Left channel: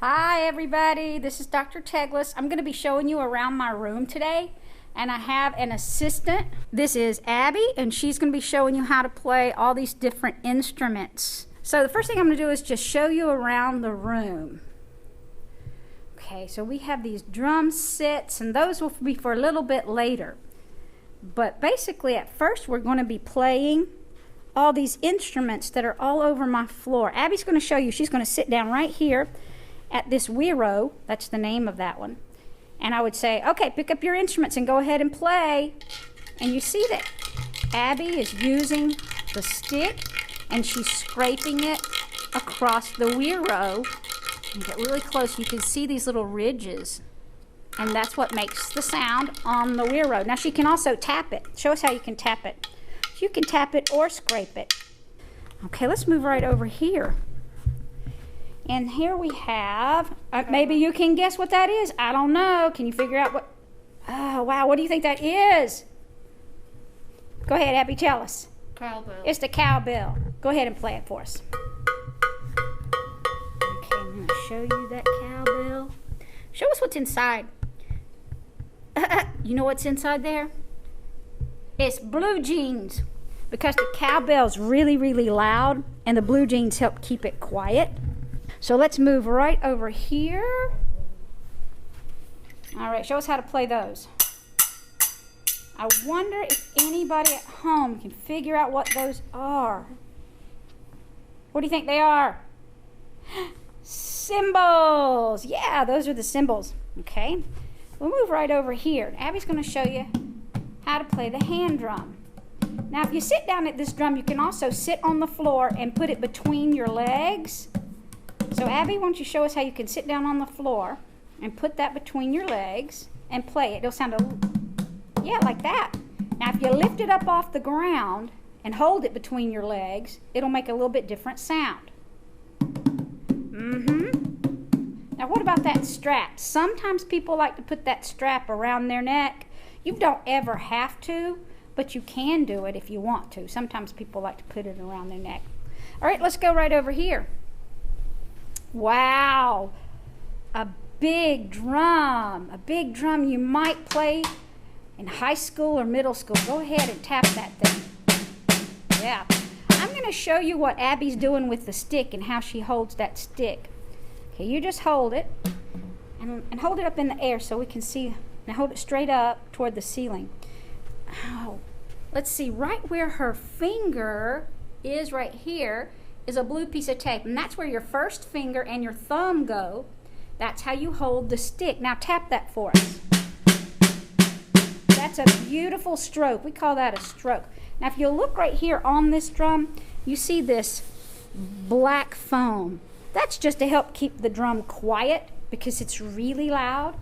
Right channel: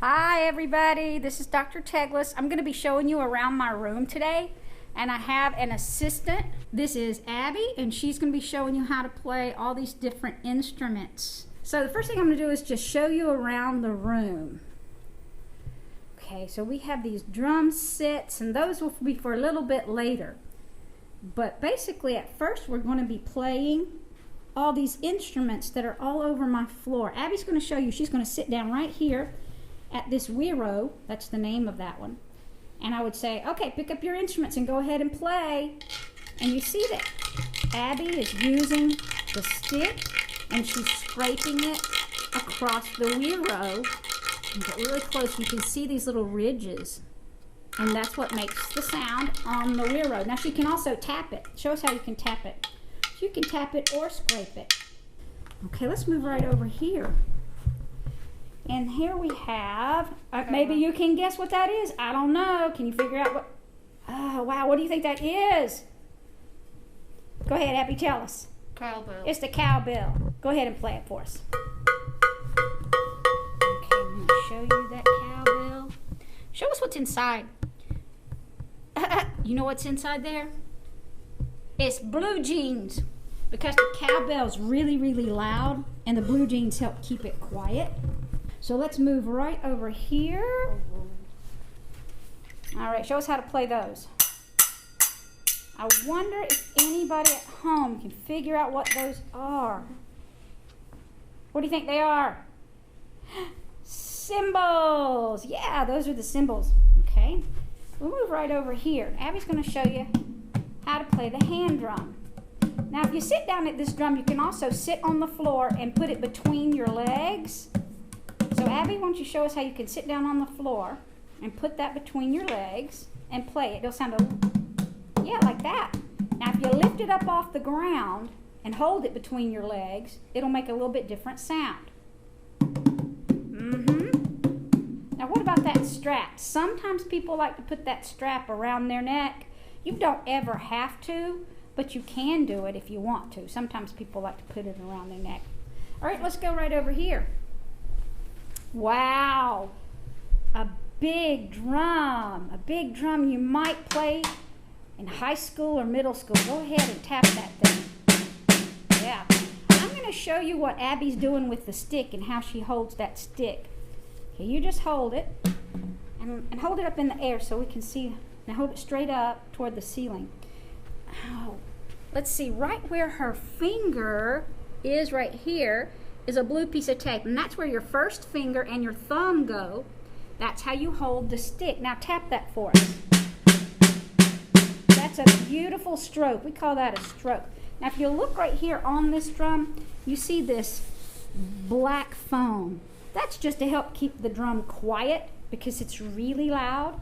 Hi everybody, this is Dr. Teglis. I'm going to be showing you around my room today, and I have an assistant. This is Abbey, and she's going to be showing you how to play all these different instruments. So the first thing I'm going to do is just show you around the room. Okay, so we have these drum sets, and those will be for a little bit later. But basically at first we're going to be playing all these instruments that are all over my floor. Abby's going to show you. She's going to sit down right here at this wero, that's the name of that one, and I would say, okay, pick up your instruments and go ahead and play. And you see that Abbey is using the stick and she's scraping it across the wero. And get really close, you can see these little ridges, and that's what makes the sound on the wero. Now she can also tap it. Show us how you can tap it. You can tap it or scrape it. Okay, let's move right over here. And here we have, maybe you can guess what that is. I don't know. Can you figure out what? Oh, wow. What do you think that is? Go ahead, Abbey, tell us. Cowbell. It's the cowbell. Go ahead and play it for us. Okay, I'm going to show you that cowbell. Show us what's inside. You know what's inside there? It's blue jeans, because the cowbell's really, really loud, and the blue jeans help keep it quiet. So let's move right over here. All right, show us how to play those. I wonder if anybody at home can figure out what those are. What do you think they are? Cymbals. Yeah, those are the cymbals. Okay, we'll move right over here. Abby's going to show you how to play the hand drum. Now, if you sit down at this drum, you can also sit on the floor and put it between your legs. So Abbey, why don't you show us how you can sit down on the floor and put that between your legs and play it. It'll sound yeah, like that. Now if you lift it up off the ground and hold it between your legs, it'll make a little bit different sound. Now what about that strap? Sometimes people like to put that strap around their neck. You don't ever have to, but you can do it if you want to. Sometimes people like to put it around their neck. All right, let's go right over here. Wow, a big drum you might play in high school or middle school. Go ahead and tap that thing. Yeah, I'm going to show you what Abby's doing with the stick and how she holds that stick. Okay, you just hold it and hold it up in the air so we can see. Now hold it straight up toward the ceiling. Oh, let's see, right where her finger is right here is a blue piece of tape, and that's where your first finger and your thumb go. That's how you hold the stick. Now tap that for us. That's a beautiful stroke. We call that a stroke. Now if you look right here on this drum, you see this black foam. That's just to help keep the drum quiet because it's really loud.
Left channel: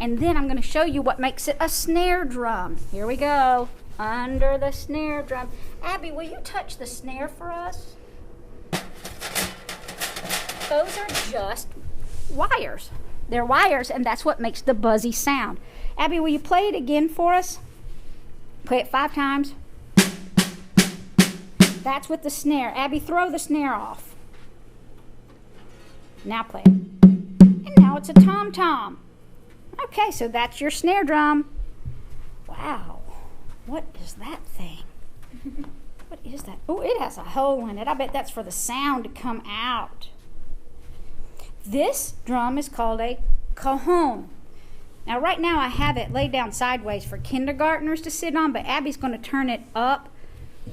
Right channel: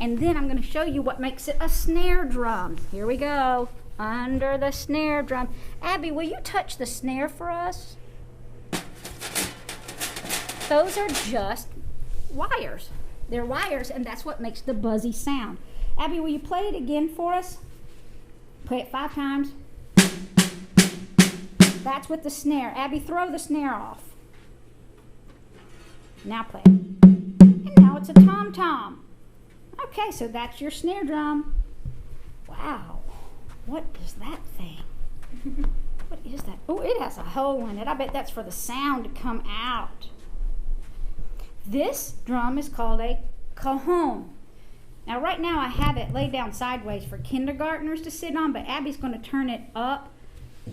And then I'm going to show you what makes it a snare drum. Here we go. Under the snare drum. Abbey, will you touch the snare for us? Those are just wires. They're wires, and that's what makes the buzzy sound. Abbey, will you play it again for us? Play it 5 times. That's with the snare. Abbey, throw the snare off. Now play it. And now it's a tom-tom. Okay, so that's your snare drum. Wow, what is that thing? What is that? Oh, it has a hole in it. I bet that's for the sound to come out. This drum is called a cajon. Now right now I have it laid down sideways for kindergartners to sit on, but Abby's going to turn it up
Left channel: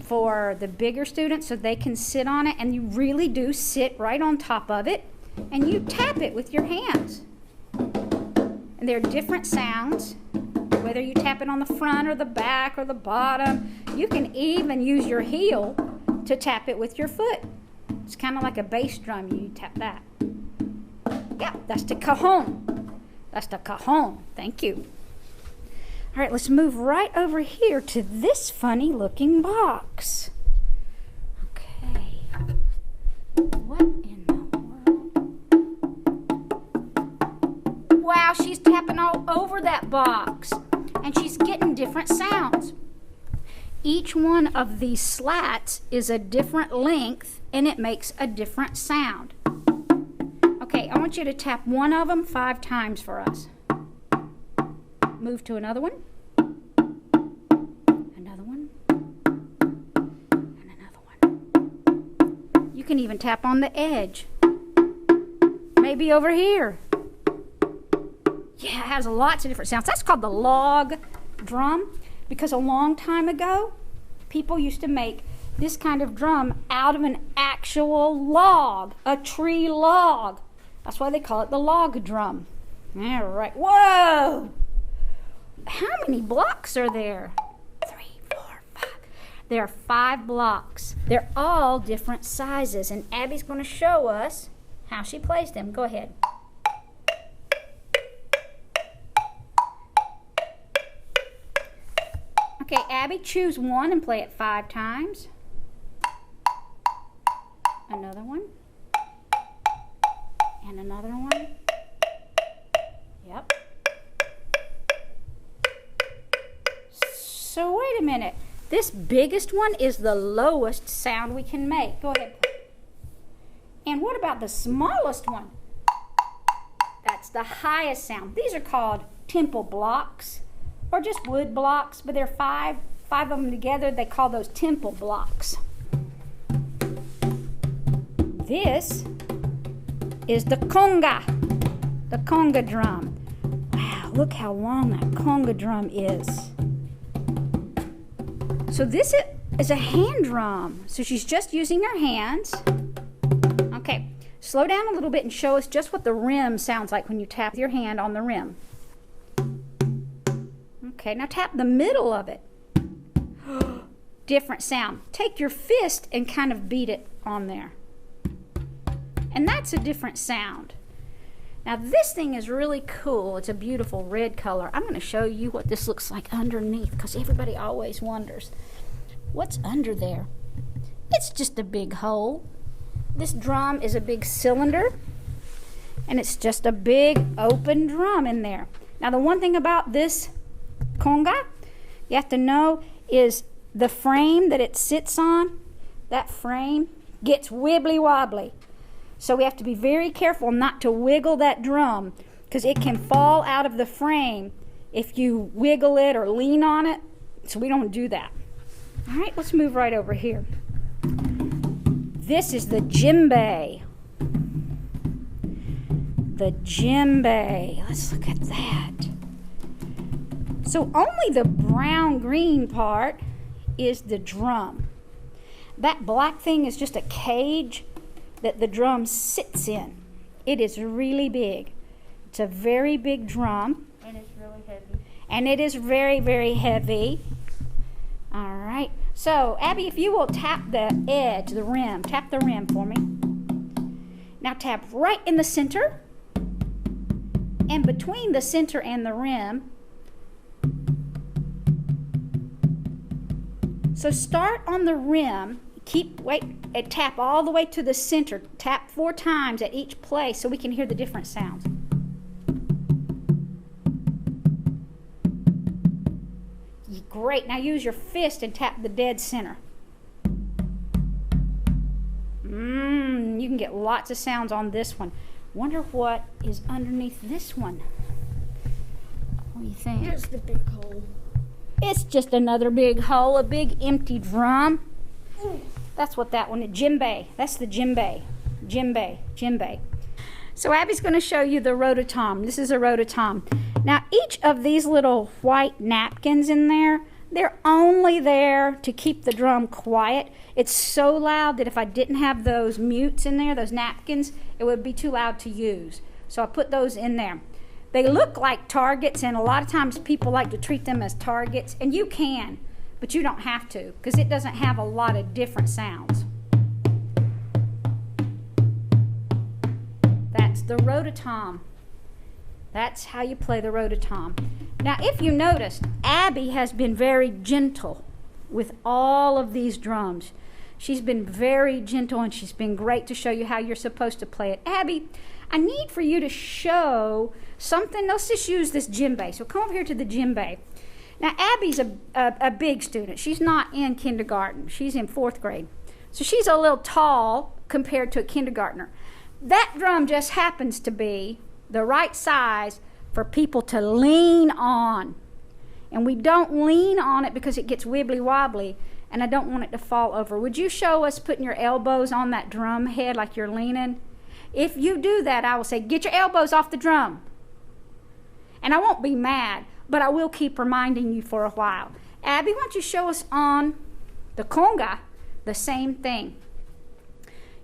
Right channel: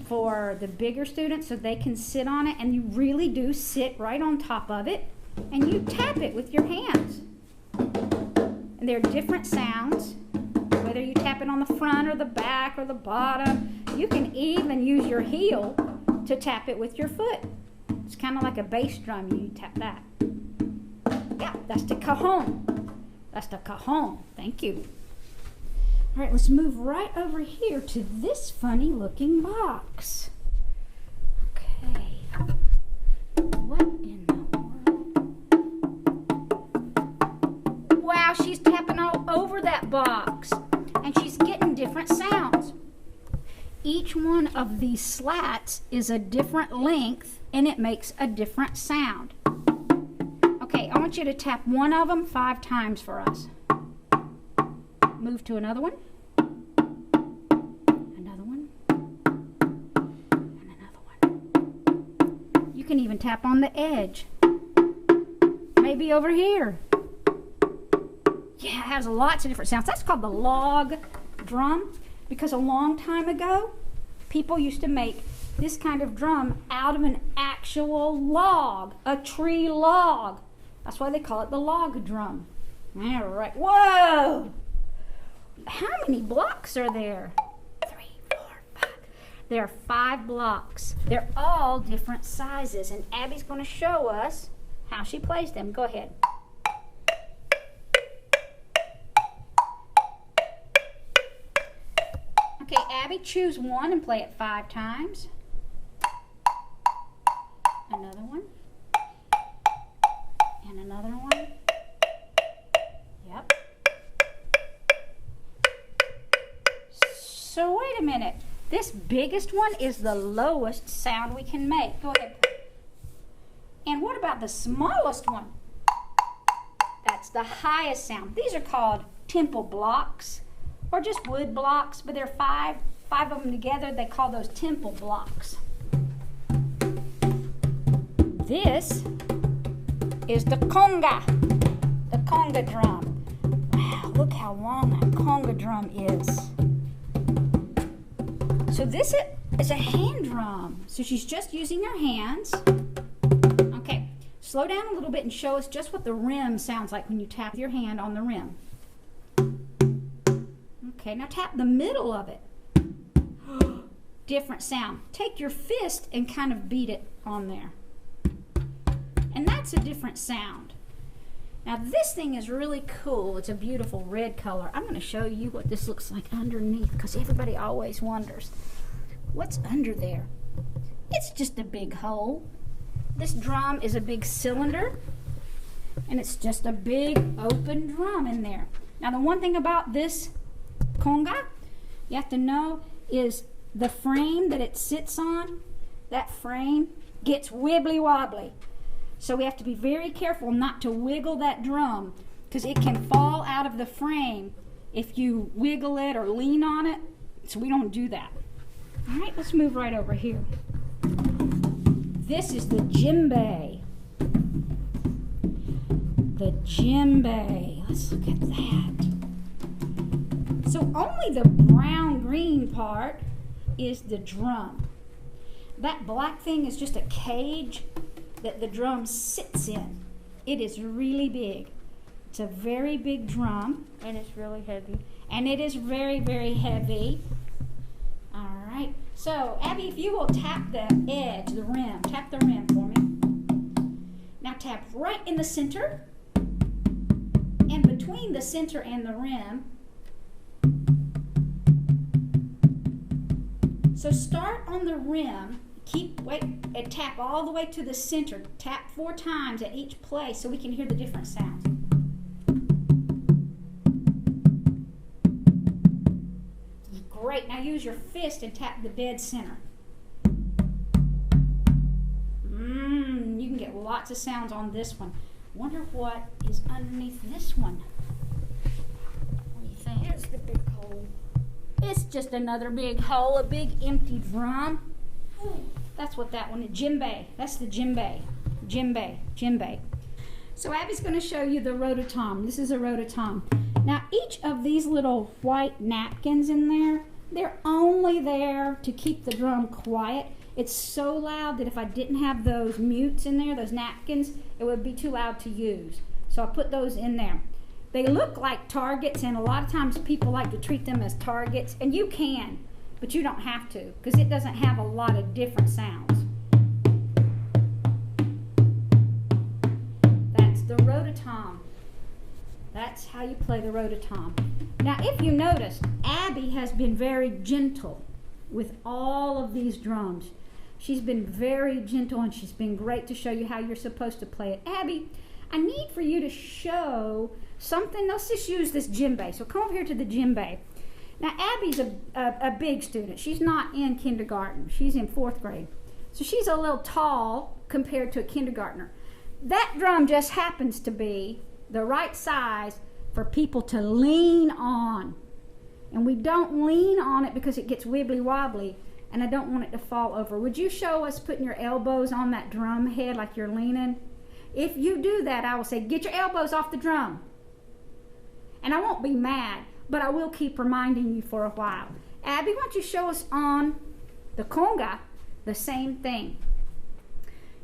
for the bigger students so they can sit on it, and you really do sit right on top of it and you tap it with your hands. And there are different sounds, whether you tap it on the front or the back or the bottom. You can even use your heel to tap it with your foot. It's kind of like a bass drum. You tap that. Yeah, that's the cajon. That's the cajon. Thank you. All right, let's move right over here to this funny looking box. Okay. What in the world? Wow, she's tapping all over that box, and she's getting different sounds. Each one of these slats is a different length, and it makes a different sound. Okay, I want want you to tap one of them 5 times for us. Move to another one. Another one. And another one. You can even tap on the edge. Maybe over here. Yeah, it has lots of different sounds. That's called the log drum, because a long time ago, people used to make this kind of drum out of an actual log, a tree log. That's why they call it the log drum. All right. Whoa! How many blocks are there? 3, 4, 5. There are 5 blocks. They're all different sizes, and Abby's going to show us how she plays them. Go ahead. Okay, Abby, choose one and play it 5 times. Another one. And another one. Yep. So wait a minute. This biggest one is the lowest sound we can make. Go ahead. And what about the smallest one? That's the highest sound. These are called temple blocks, or just wood blocks, but there are five of them together. They call those temple blocks. This is the conga drum. Wow, look how long that conga drum is. So this is a hand drum. So she's just using her hands. Okay, slow down a little bit and show us just what the rim sounds like when you tap your hand on the rim. Okay, now tap the middle of it. Different sound. Take your fist and kind of beat it on there. And that's a different sound. Now this thing is really cool. It's a beautiful red color. I'm going to show you what this looks like underneath, because everybody always wonders, what's under there? It's just a big hole. This drum is a big cylinder, and it's just a big open drum in there. Now the one thing about this conga you have to know is the frame that it sits on, that frame gets wibbly wobbly. So we have to be very careful not to wiggle that drum, because it can fall out of the frame if you wiggle it or lean on it. So we don't do that. All right, let's move right over here. This is the djembe. The djembe. Let's look at that. So only the brown-green part is the drum. That black thing is just a cage that the drum sits in. It is really big. It's a very big drum. And it's really heavy. And it is very, very heavy. All right. So, Abby, if you will tap the edge, the rim. Tap the rim for me. Now tap right in the center. And between the center and the rim. So start on the rim. Wait, and tap all the way to the center. Tap 4 times at each place so we can hear the different sounds. Great. Now use your fist and tap the dead center. You can get lots of sounds on this one. Wonder what is underneath this one. What do you think? Here's the big hole. It's just another big hole, a big empty drum. That's what that one is. Djembe. That's the djembe. Djembe. So Abby's going to show you the rototom. This is a rototom. Now each of these little white napkins in there, they're only there to keep the drum quiet. It's so loud that if I didn't have those mutes in there, those napkins, it would be too loud to use. So I put those in there. They look like targets, and a lot of times people like to treat them as targets, and you can. But you don't have to, because it doesn't have a lot of different sounds. That's the rototom. That's how you play the rototom. Now, if you noticed, Abby has been very gentle with all of these drums. She's been very gentle, and she's been great to show you how you're supposed to play it. Abby, I need for you to show something. Let's just use this djembe. So come over here to the djembe. Now, Abby's a big student. She's not in kindergarten. She's in 4th grade. So she's a little tall compared to a kindergartner. That drum just happens to be the right size for people to lean on. And we don't lean on it because it gets wibbly wobbly, and I don't want it to fall over. Would you show us putting your elbows on that drum head like you're leaning? If you do that, I will say, get your elbows off the drum. And I won't be mad, but I will keep reminding you for a while. Abby, why don't you show us on the conga the same thing?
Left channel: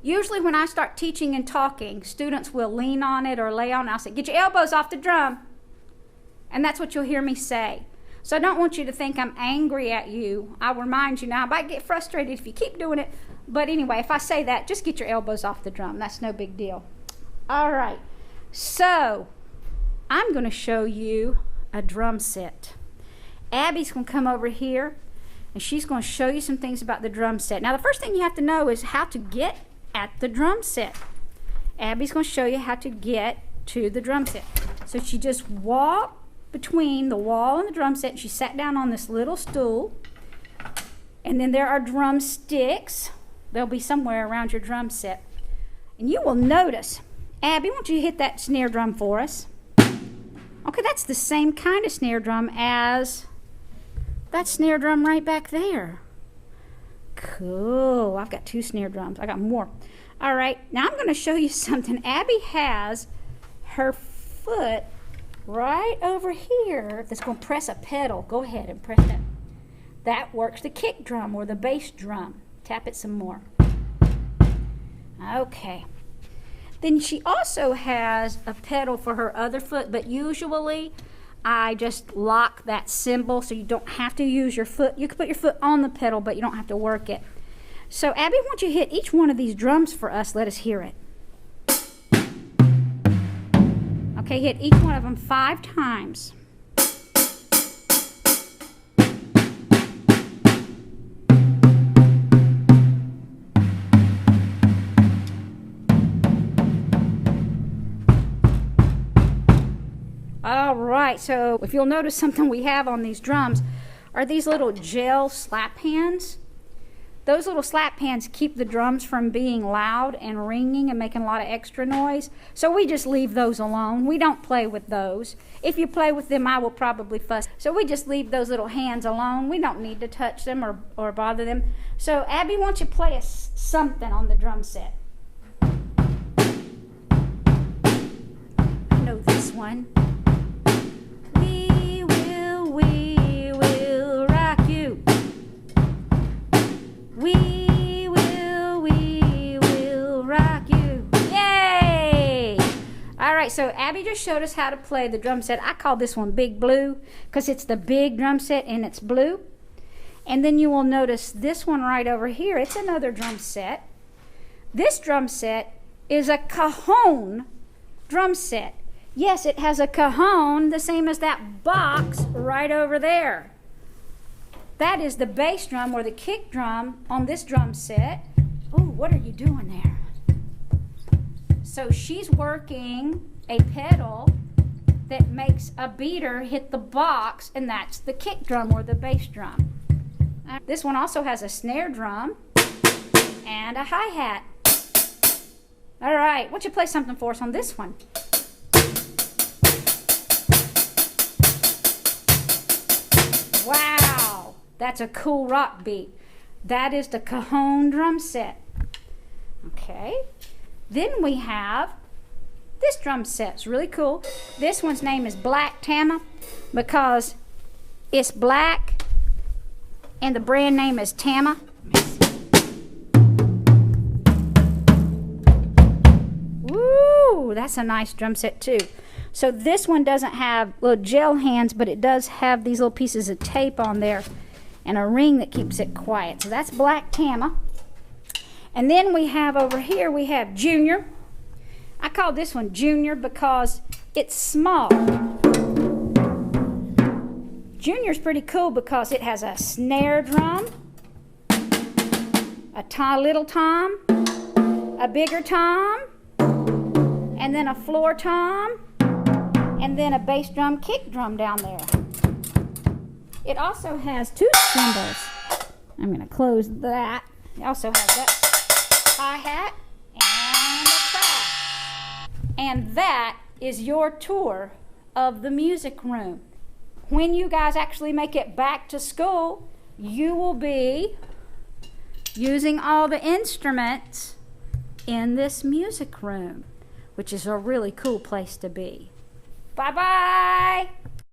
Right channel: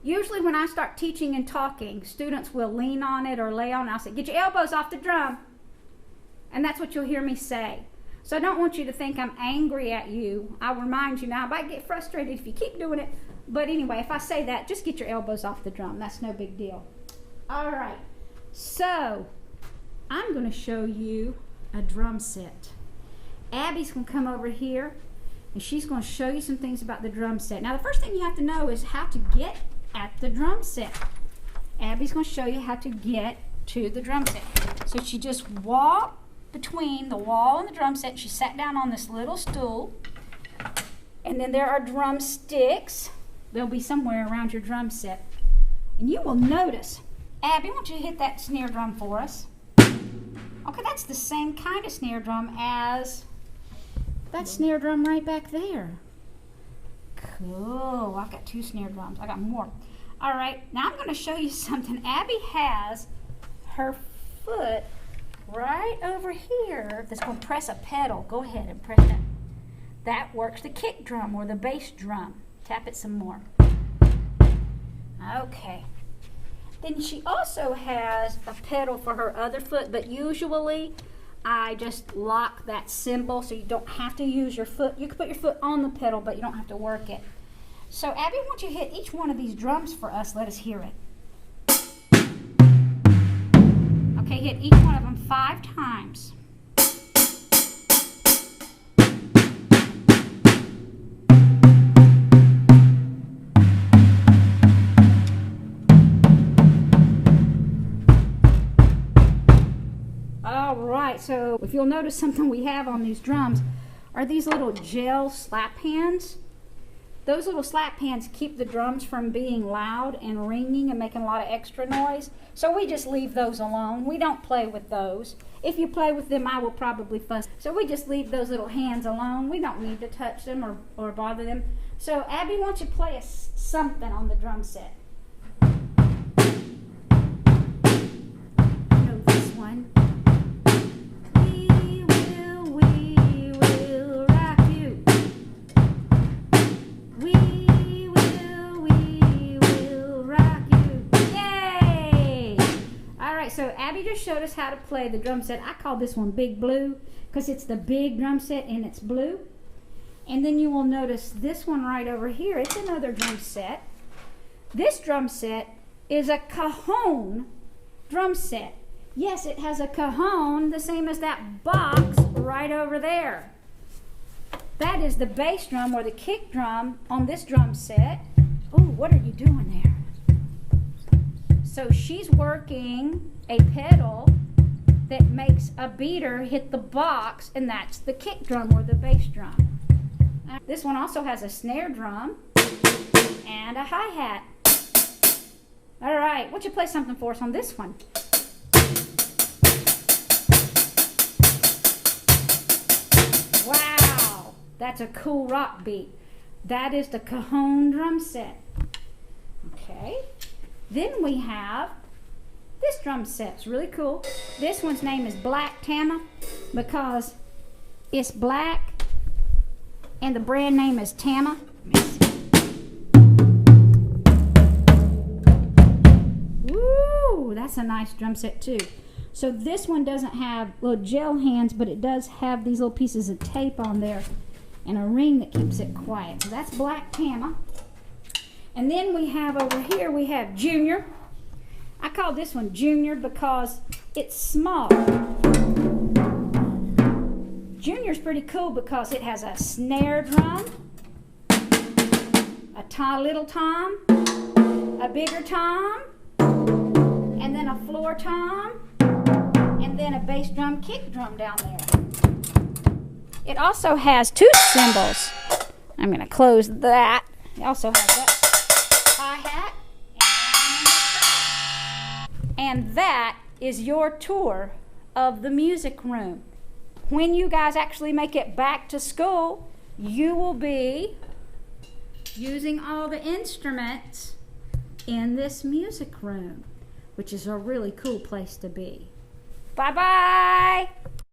Usually when I start teaching and talking, students will lean on it or lay on it. I'll say, get your elbows off the drum. And that's what you'll hear me say. So I don't want you to think I'm angry at you. I'll remind you now. I might get frustrated if you keep doing it. But anyway, if I say that, just get your elbows off the drum. That's no big deal. All right. So I'm going to show you a drum set. Abby's going to come over here, and she's going to show you some things about the drum set. Now, the first thing you have to know is how to get at the drum set. Abby's going to show you how to get to the drum set. So she just walked between the wall and the drum set. She sat down on this little stool, and then there are drumsticks. They'll be somewhere around your drum set. And you will notice, Abby, why don't you hit that snare drum for us? Okay, that's the same kind of snare drum as that snare drum right back there. Cool. I've got 2 snare drums. I got more. All right, now I'm going to show you something. Abby has her foot right over here that's going to press a pedal. Go ahead and press that. That works the kick drum or the bass drum. Tap it some more. Okay. Then she also has a pedal for her other foot, but usually I just lock that cymbal so you don't have to use your foot. You can put your foot on the pedal, but you don't have to work it. So Abby, why don't you hit each one of these drums for us? Let us hear it. Okay, hit each one of them 5 times. All right, so if you'll notice something we have on these drums are these little gel slap hands. Those little slap hands keep the drums from being loud and ringing and making a lot of extra noise. So we just leave those alone. We don't play with those. If you play with them, I will probably fuss. So we just leave those little hands alone. We don't need to touch them or bother them. So Abby, why don't you play us something on the drum set? I know this one. We will rock you. We will rock you. Yay! All right, so Abby just showed us how to play the drum set. I call this one Big Blue because it's the big drum set and it's blue. And then you will notice this one right over here. It's another drum set. This drum set is a Cajon drum set. Yes, it has a cajon, the same as that box right over there. That is the bass drum or the kick drum on this drum set. Ooh, what are you doing there? So she's working a pedal that makes a beater hit the box, and that's the kick drum or the bass drum. This one also has a snare drum and a hi-hat. All right, why don't you play something for us on this one? Wow, that's a cool rock beat. That is the Cajon Drum Set. Okay, then we have this drum set. It's really cool. This one's name is Black TAMA because it's black and the brand name is TAMA. Woo, that's a nice drum set too. So this one doesn't have little gel hands, but it does have these little pieces of tape on there and a ring that keeps it quiet. So that's Black TAMA. And then we have over here, we have Junior. I call this one Junior because it's small. Junior's pretty cool because it has a snare drum, a little tom, a bigger tom, and then a floor tom, and then a bass drum, kick drum down there. It also has 2 cymbals. I'm going to close that. It also has that hi-hat and a And that is your tour of the music room. When you guys actually make it back to school, you will be using all the instruments in this music room, which is a really cool place to be. Bye-bye.